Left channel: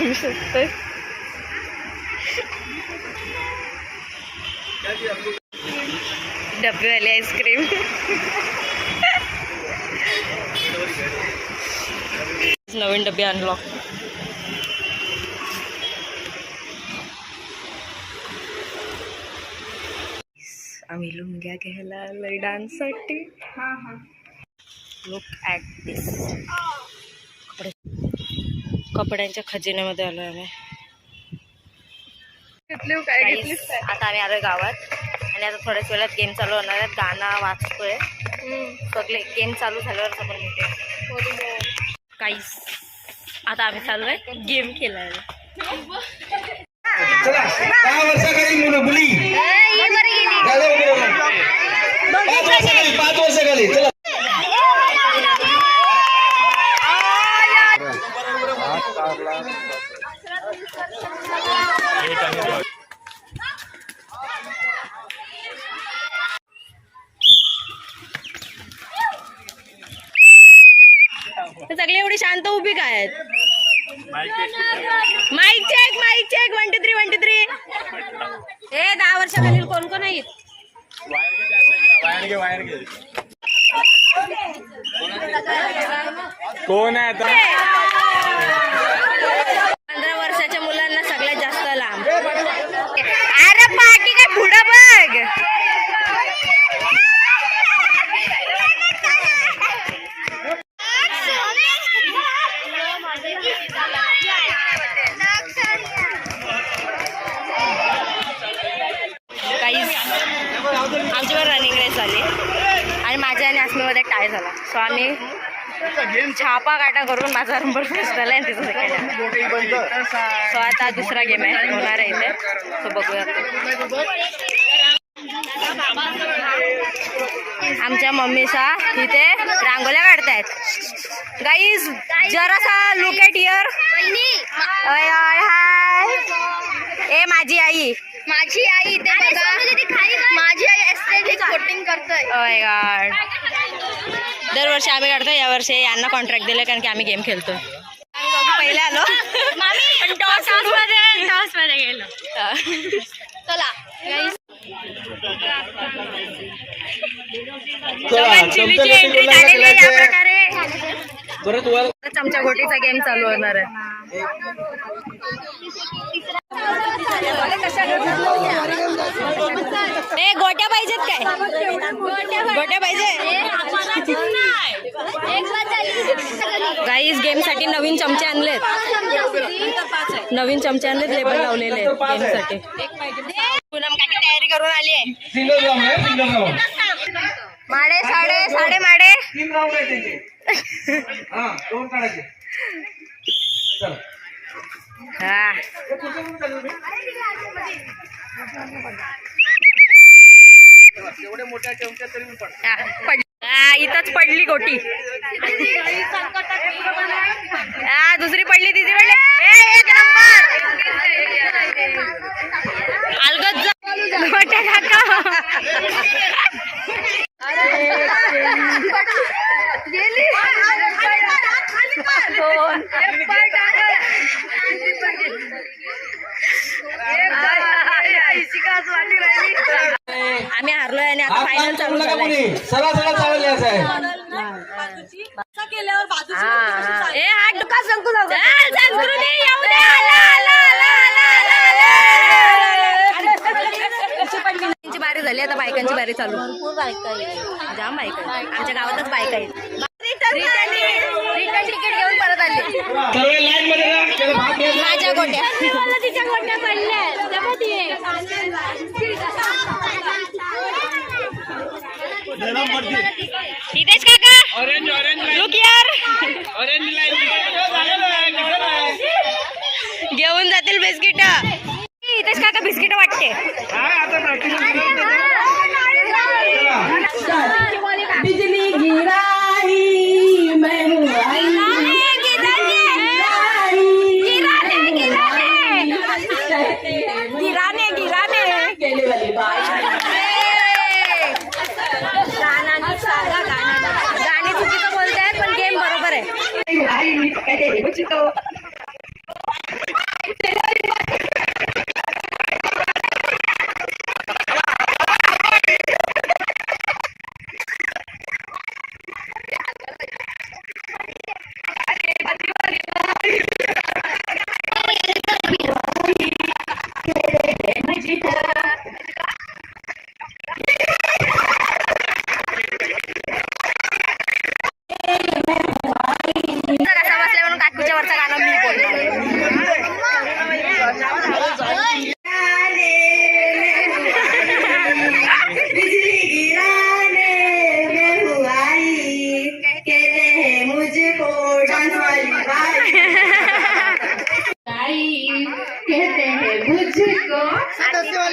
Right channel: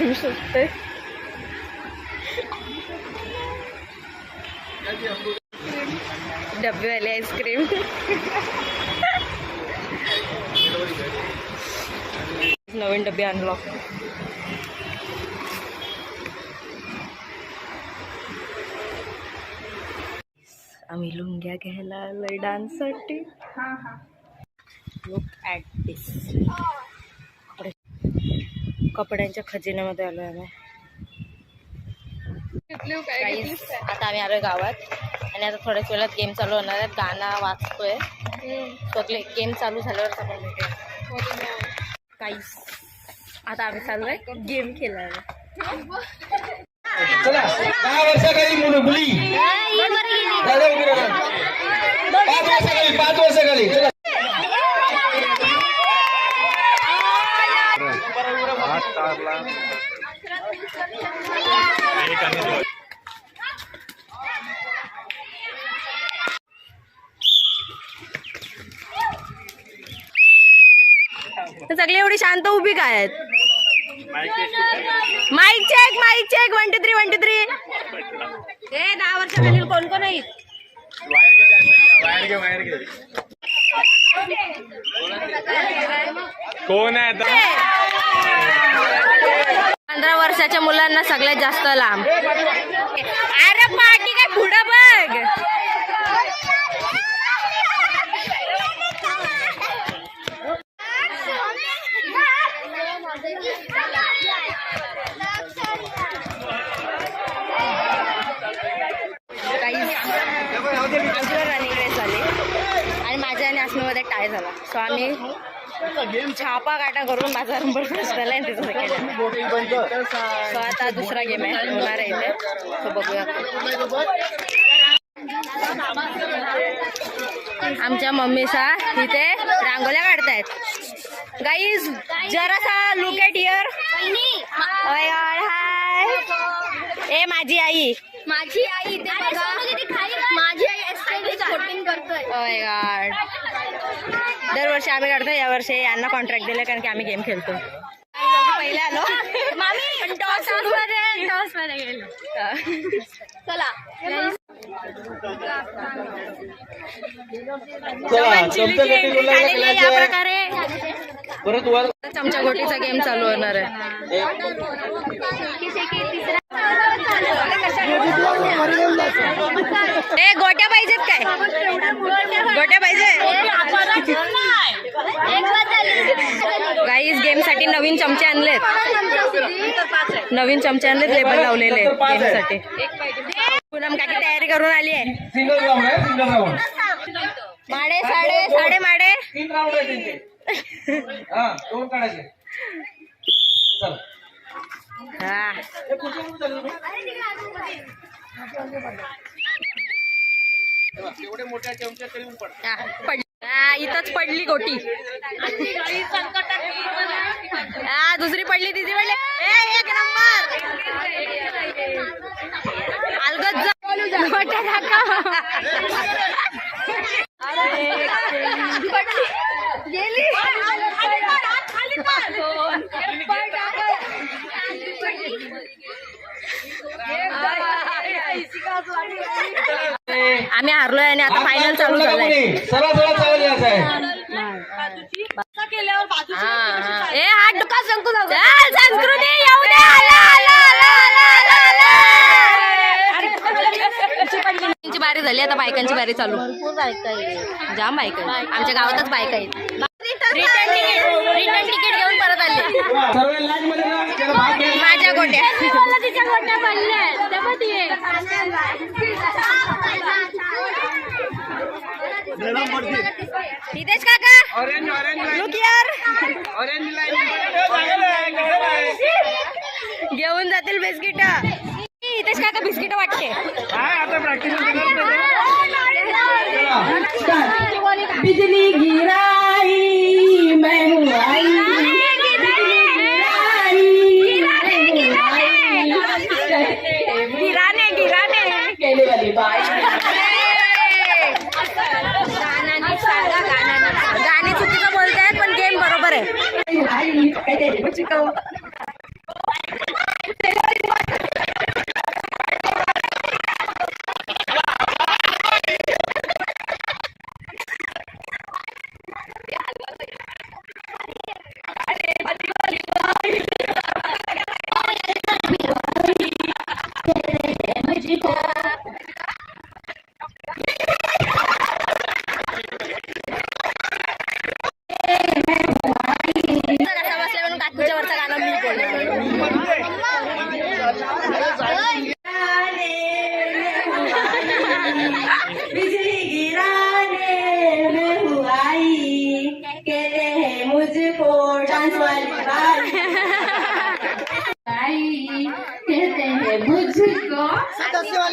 Ice cream सुटतोय. डब्बेवाली ice cream. नवीन डबे unlock. आम्ही लुंग्या घ्यायला आलोय डान्ससाठी. लुक ॲट दिस. कपड्यांच्या खजिन्यामध्ये आलोय आम्ही. आता आम्ही आलोय गावात आणि आता थोड्याच वेळात गेम चालू होणार आहेत. गाणं वाजतोय. सगळे गेम चालू झाल्यावरच आपण भेटूया. काहीच आता आम्ही चाललोय गेम खेळायला. सगळे एवढी शांत उभी काय आहेत? Mic check 1 2 3 1 2 3. हे 10 वर्षाखालील कोण कोण आहेत? कोण आहे? 15 वर्षाच्या मुलांना सगळ्यात जास्त लांब. अरे पार्टी काय पुढं बघ. आमच्यावर रनिंग रेस झाली आणि माझ्या आणि आसमीमध्ये टाय झाला. सो आम्ही छापा काटा करून माझा नंबर फर्स्ट झाला आणि तिचा सेकंड. सो आता दुसरा गेम आहे होणार आहे इथे. सो बघूया. आमच्या मम्मीचा इथे रांगोळ्या काढतायत. गाईज जरासा लुक ॲट हिअर. हाय. ए माझी आई माझी आई स्पोर्टिंग करतोय. ओय गॉड. दरवर्षी आम्ही काढतो. यावर्षी यांना कॉन्ट्रॅक्ट दिलं कारण की आम्ही गेम खेळतोय. पहिले आलो पण टॉस मध्ये गेलो. चला चिलीची एंट्री झालेली आहे या प्रकारे. चमचा गोटीचा गेम चालू होणार आहे. ए गोट्या पाहिजेत काय? गोट्या पाहिजे. गाईज गेम साठी नवीन चमचे आणलेत. लेबल लावलेले गेम साठी. पूनम काकी तयारी करून आली आहे. माडे साडे माडे. हा इथंच पडली गोटी. दुसरी पडली तिसरी पडली. एक नंबर. अलगद गोट्या काका. आम्ही हारलोय आणि आता फायनल चालू झालाय. ए हा दुका संकू त्यांची बारी झाली. आता बायकांची बारी चालू. जाम बायका आहे आमच्या गावातच. बायका आहे. रिटर्न तिकीट घेऊन परत आले. माझ्या गोट्या तिच्या गोट्या पडल्या. हितेश काका लुक यार. घेऊन जातील बिस्किट. हितेश काका बिस्किट वाटते. बिजली गिराई मैं आई. गिराने गेले वाली बाई. गाणे चुकीचं बोलतायत पण गेम बरोबर आहे.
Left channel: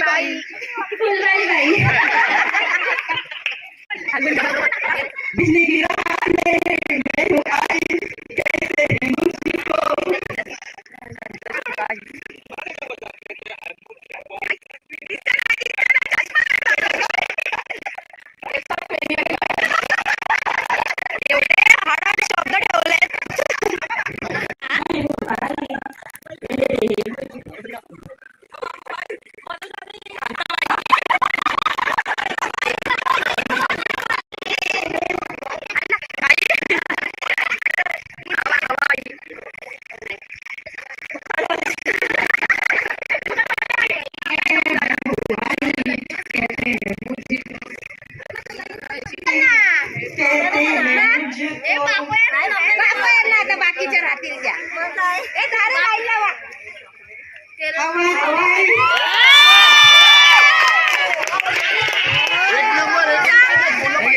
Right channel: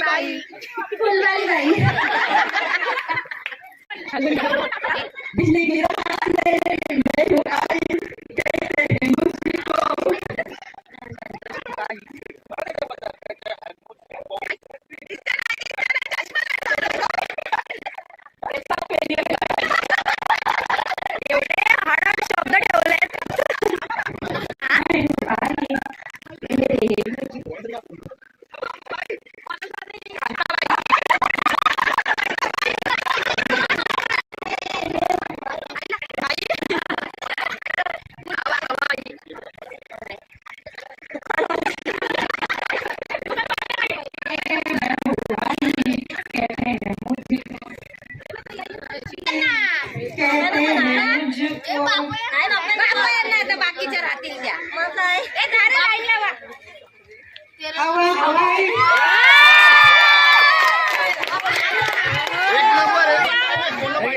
फुलबाई बाई आता बाकीच्या राहतील द्या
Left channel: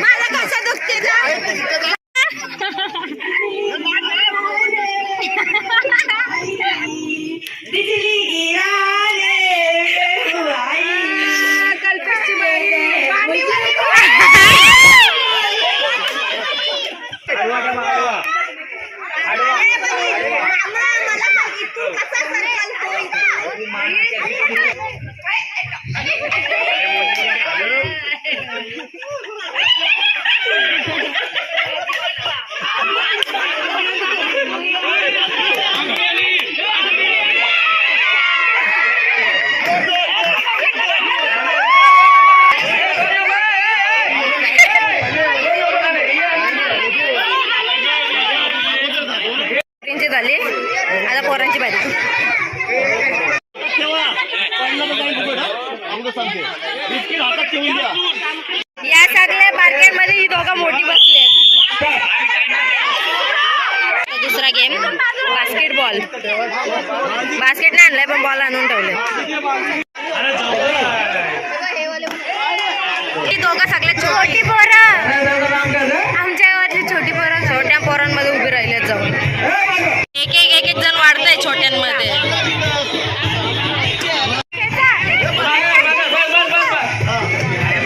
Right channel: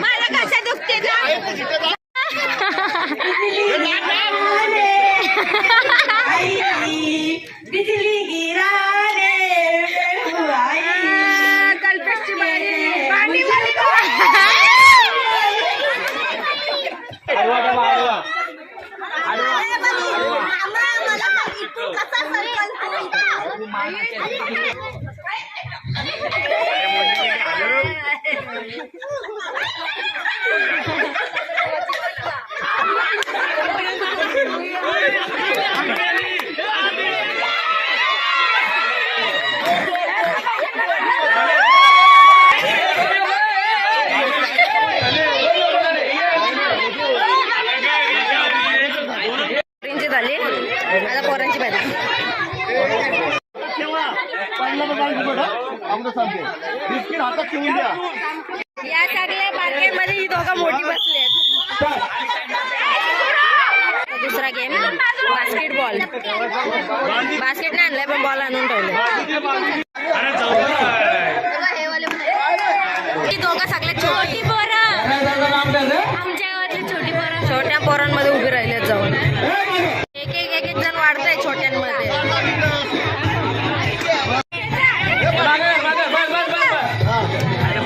मला कसं दुखते झाली आता पोरांची बाजी या सगळ्या मार्केट मध्ये ही दोघं मोठी बसली आहेत. दुसरा गेम बास्केटबॉल. बास्केट नाही आणलाय पण बॉल आणून ठेवले. ही दोघं सगळ्यात छोटी पोरं आमच्या गावातली छोटी पोरं छोट्या पोरांमध्ये उभी राहिलेत जाऊन. एक जण वाढतंय छोट्यांमध्ये.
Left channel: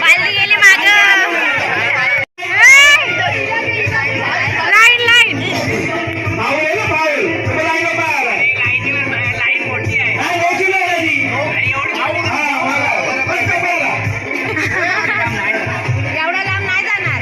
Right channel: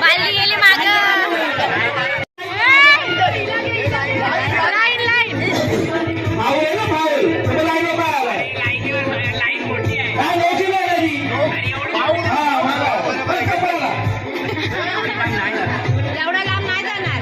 बालदी गेली माग. एवढा लांब नाही जाणार.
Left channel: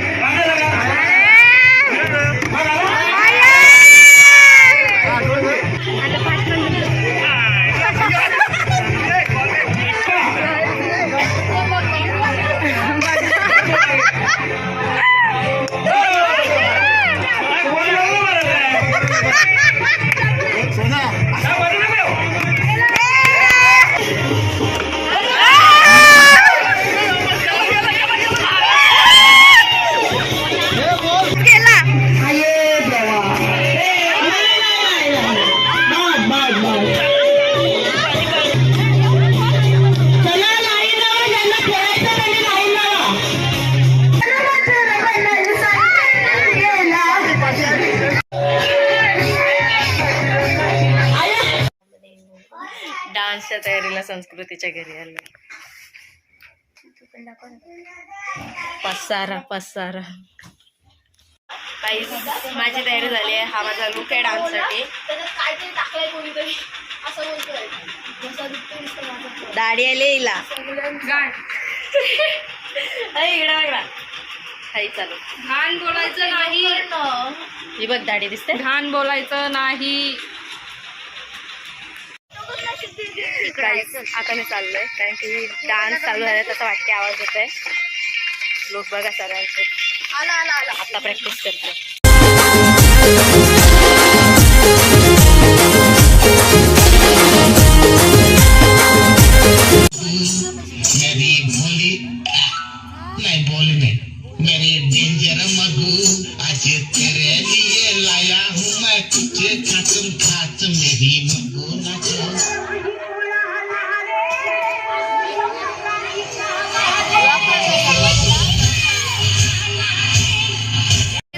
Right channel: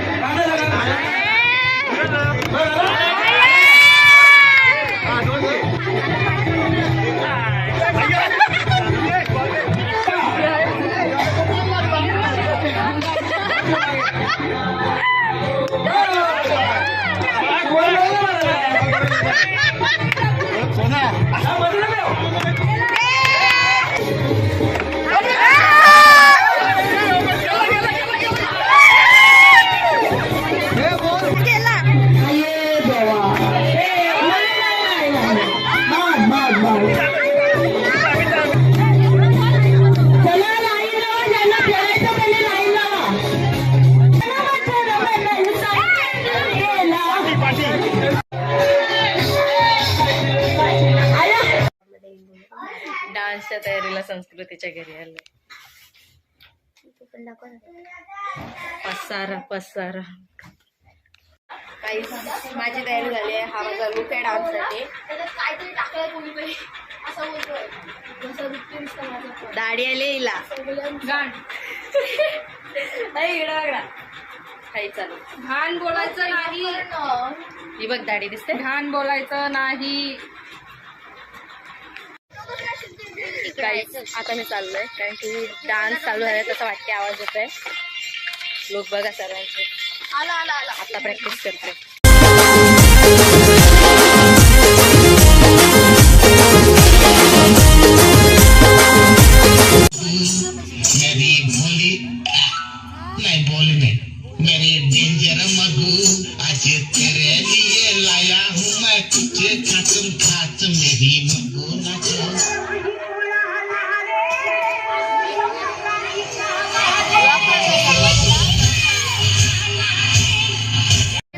डान्सच्या तयारीला संस्कृतीच्या घरी आलो. पसारा काही माझी तयारी झाली आहे. हा माझा लुक आहे डान्ससाठी. दाढी आली हिला. काही चालू घाण बोलायचं नाही. ही बघ दाढी दिसते. घाण बोलायचं नाही. काही आता मी चाललोय कारण की डान्स चालू झालाय तसं वाटते. आवाज येत आहे. लोक बघा सर्वांचे. आता प्रॅक्टिस करते. मेरी भोली नहीं बोली नहीं मेरी डेंजर मगू आज तेरे लिए लाया हूँ मैं तुझे खातम खात मेरी मगू नाचो.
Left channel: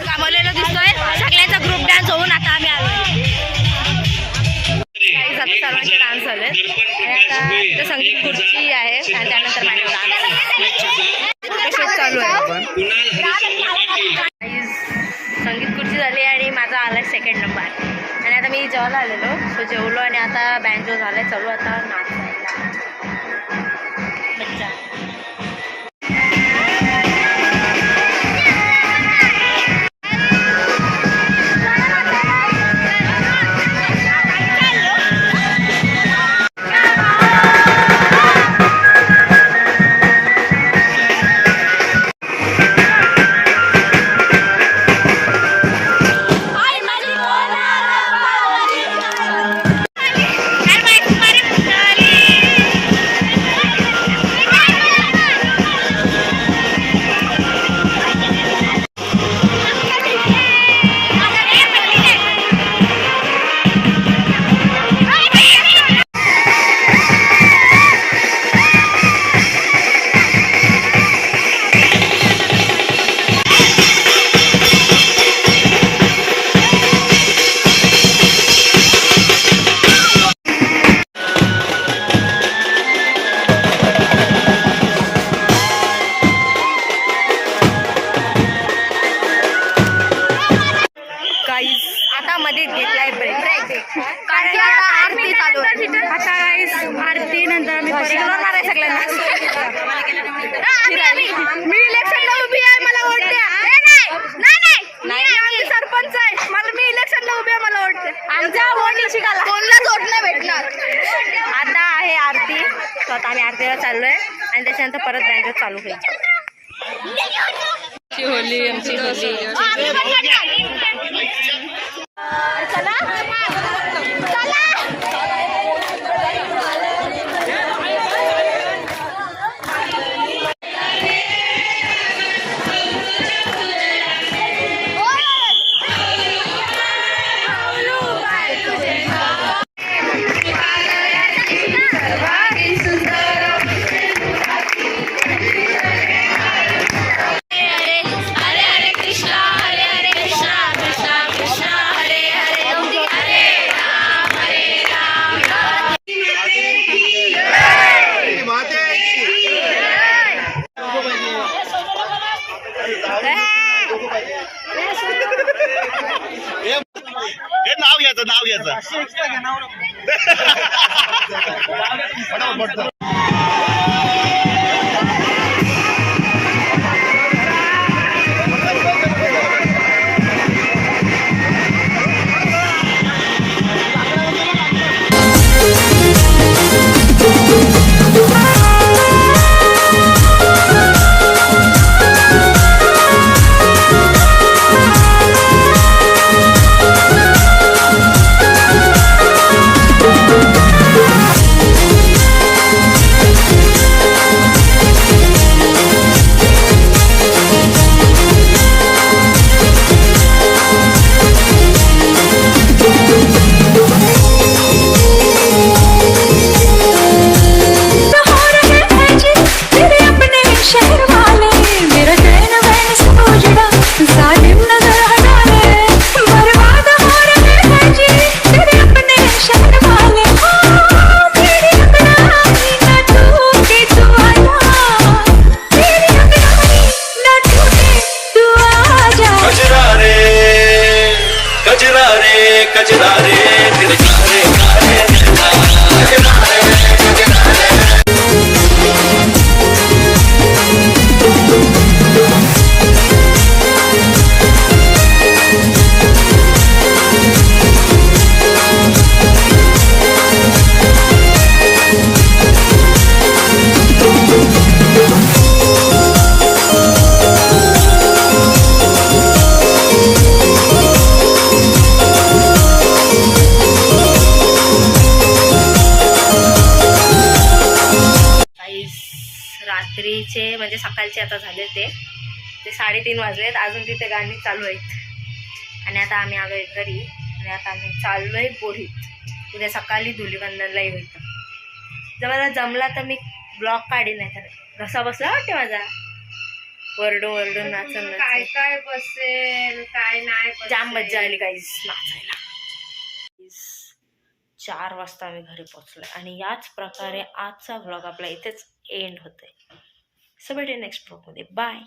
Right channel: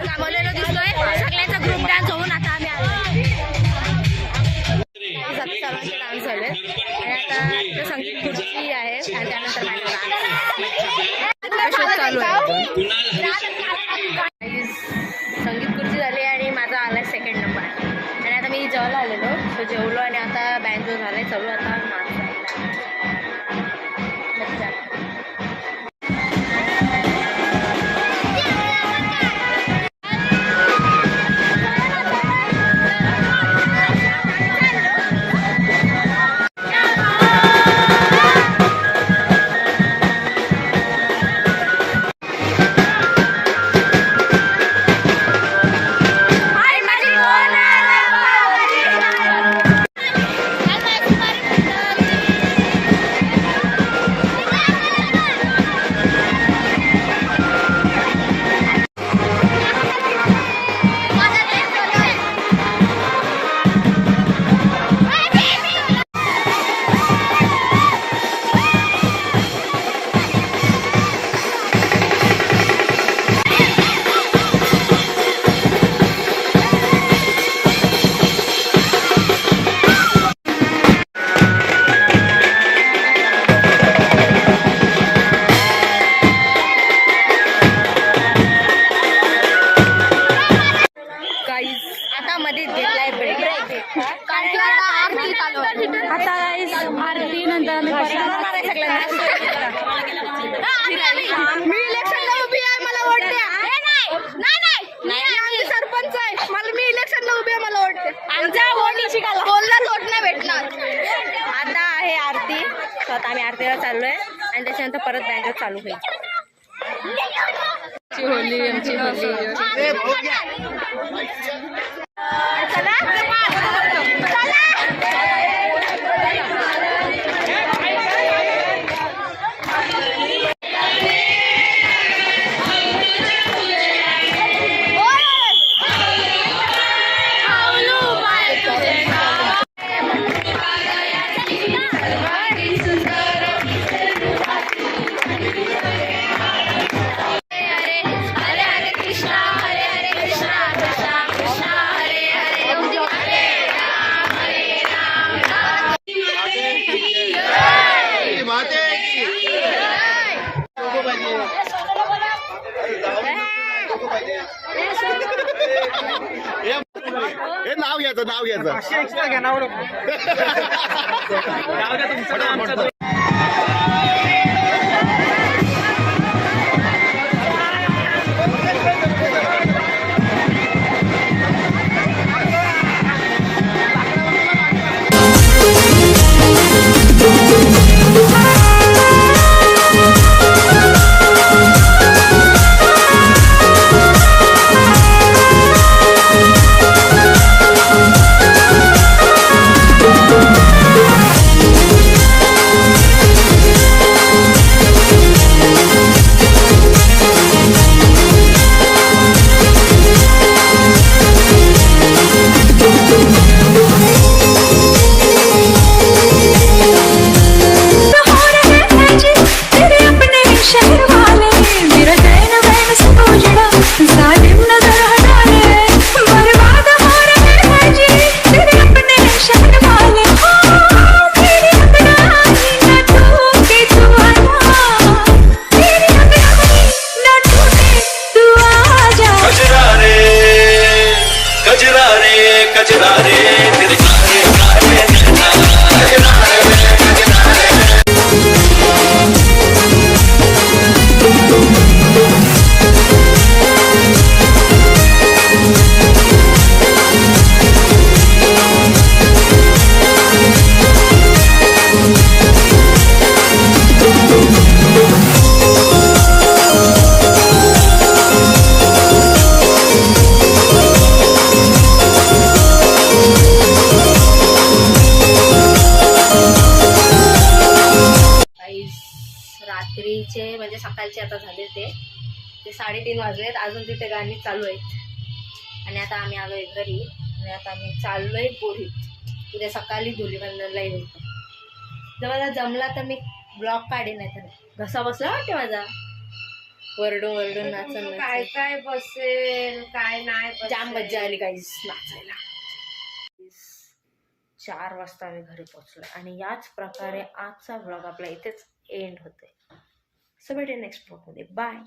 कामवलेलं सर्वांचे डान्स झाले आणि आता इथं संगीत खुर्ची आहे आणि त्यानंतर माझ्या डान्स शूट चालू आहे. संगीत खुर्ची झाली आणि माझा आलाय सेकंड नंबर आणि आता मी जेवायला आलेलो सो जेवलो आणि आता बँजो झालाय चालू आता नाचायला मज्जा. आता मध्येच घेतलाय ब्रेक कारण आता आरती चालू आता आरती नंतर सगळ्यांना मी इलेक्शनला उभी आहे मला वोट द्या. नाही सरपंच आहे मला मी इलेक्शनला उभी आहे मला वोट द्या. आमचा कोणलाच वोट नाही भेटणार. आता आहे आरती तर आता आम्ही आरतीला चाललोय आणि त्याच्यानंतर परत बँकेत चालू होईल. होली आमची होली हे नाव घ्यायचं कजरा रे तेरे कारे कारे कजरा रे रात्रीचे म्हणजे सकाळचे आता झाले ते 3:30 वाजलेत अजून तिथे गाणी चालू आहेत आणि आता आम्ही आलोय घरी आणि आता आम्ही चाललोय बोरीत. उद्या सकाळी धुलीवंदनलाही होईल. जर मला जमला तर मी ब्लॉग काढेन नाही तर घसा बसला वाटते माझा वरडून वरडून नाचून काय काय बसेल काय नाही जाम मज्जा आली गाईस नाचायला. 4 वाजता आम्ही घरी पोचलो आणि याच प्रकारे आजचा व्लॉग आपला इथेच एंड होतोय. सो भेटूया नेक्स्ट व्लॉगमध्ये. बाय.